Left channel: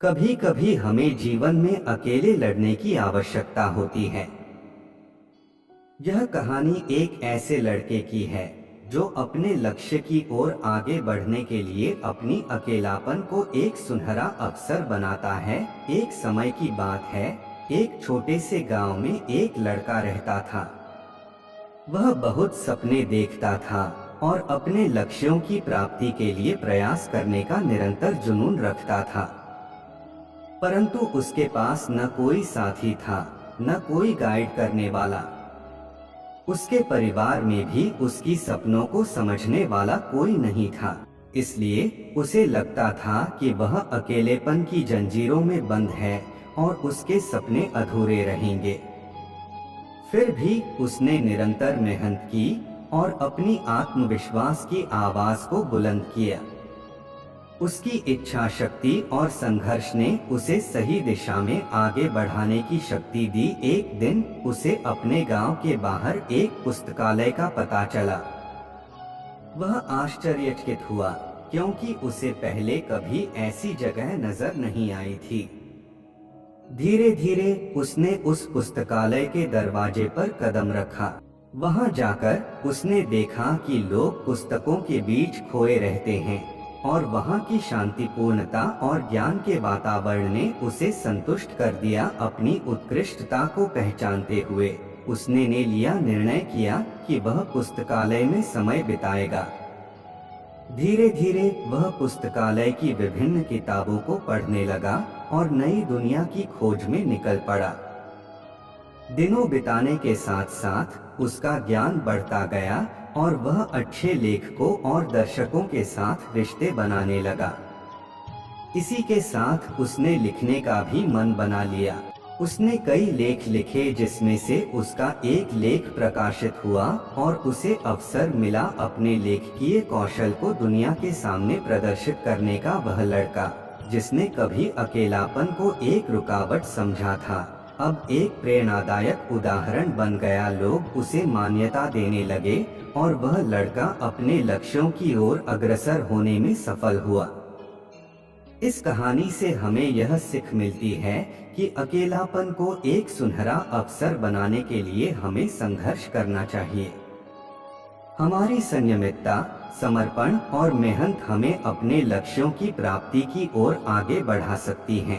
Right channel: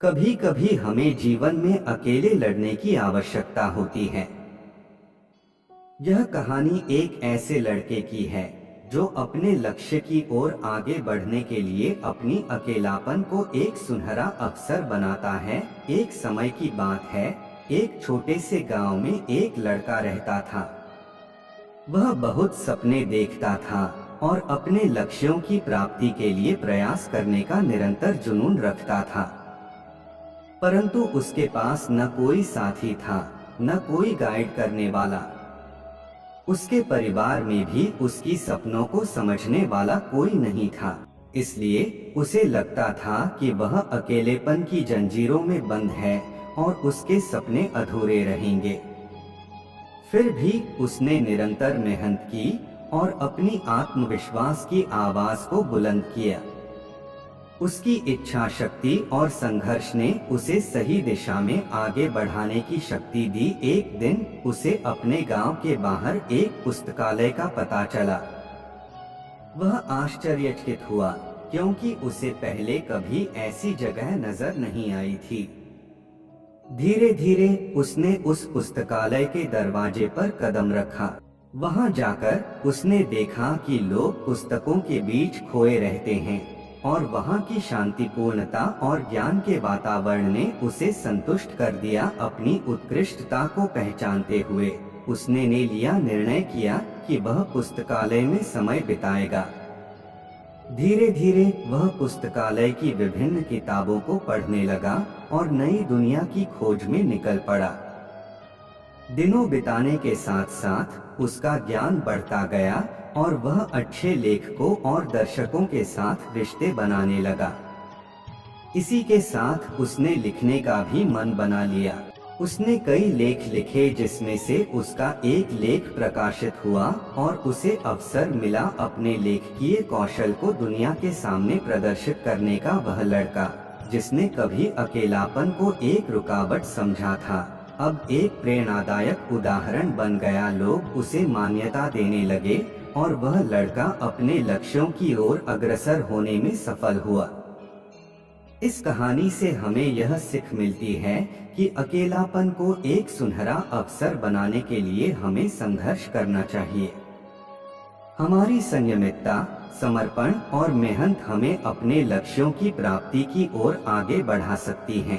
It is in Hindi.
कभी कभी हमें जीवन में अकेले लड़ने की आवश्यकता होती है। यह कहानी एक ऐसे लड़के की है जो अपने लक्ष्य की ओर आगे बढ़ने के लिए अपनी अकेलापन को एक सुनहरा अवसर बनाता है। एक समय की बात है, एक छोटे से गांव में एक लड़का रहता था। वह बहुत सपने देखता था और अपने लक्ष्यों की प्राप्ति के लिए प्रयास करने का निरंतर जुनून रखता था। परंतु उसके पास न कोई साथी था, न कोई गाइड करने वाला। उसके परिवार में भी उसकी सपनों को समझने वाला कोई नहीं था। इसलिए उसे लगता था कि वह अकेलेपन की जंजीरों में बंद है और उसके सपने अधूरे रहेंगे। फिर भी उसने निरंतर मेहनत की और अपनी आत्मविश्वास की आवाज को बुलंद किया। उसकी इच्छा शक्ति और संघर्ष ने उसे सही दिशा में आगे बढ़ाने की शक्ति दी। एक दिन उसे अपने गांव के बाहर एक पुस्तकालय का पता चला। वह आश्चर्यचकित हुआ, क्योंकि उसे पहले कभी ऐसी जगह नजर नहीं आई थी। धीरे धीरे उसने उस पुस्तकालय के दरवाजे पर कदम रखा। वहां जाकर उसने देखा कि लोग पुस्तकों के बीच खोए रहते हैं और वहां की शांतिपूर्णता और ज्ञान के वातावरण ने उसे संतुष्ट कर दिया। अपनी उत्कृष्टता को पहचानते हुए उसने निर्णय किया कि वह पुस्तकालय में समय बिताएगा। धीरे धीरे वह पुस्तकालय की विभिन्न किताबों को पढ़ने लगा और नई दुनिया की खोज में निकल पड़ा। दिनों बिताने के साथ साथ उसका ज्ञान बढ़ता गया और वह अच्छे लेखकों और दर्शकों के साथ रिश्ते बनाने लगा। इसी के साथ उसने लिखने का भी मन बना लिया। उसने कई लेख लिखे, जिसमें से उसका एक लेख प्रकाशित हुआ और उसे अवसर मिला अपने लेखकीय कौशल को दुनिया के सामने प्रदर्शित करने का। वह लड़का जिसने कभी अकेलापन को एक रुकावट समझा था, अब एक प्रेरणादायक उदाहरण बन गया। लोग उसे मान्यता देने लगे और वह लड़का अपने लक्ष्यों की ओर अग्रसर होने में सफल हुआ। इस कहानी से हमें यह सीख मिलती है कि अकेलापन को एक सुनहरा अवसर बनाने के लिए हमें संघर्ष करना चाहिए। हमारी संयमितता, समर्पण और मेहनत हमें अपने लक्ष्यों की प्राप्ति की ओर आगे बढ़ा सकती हैं।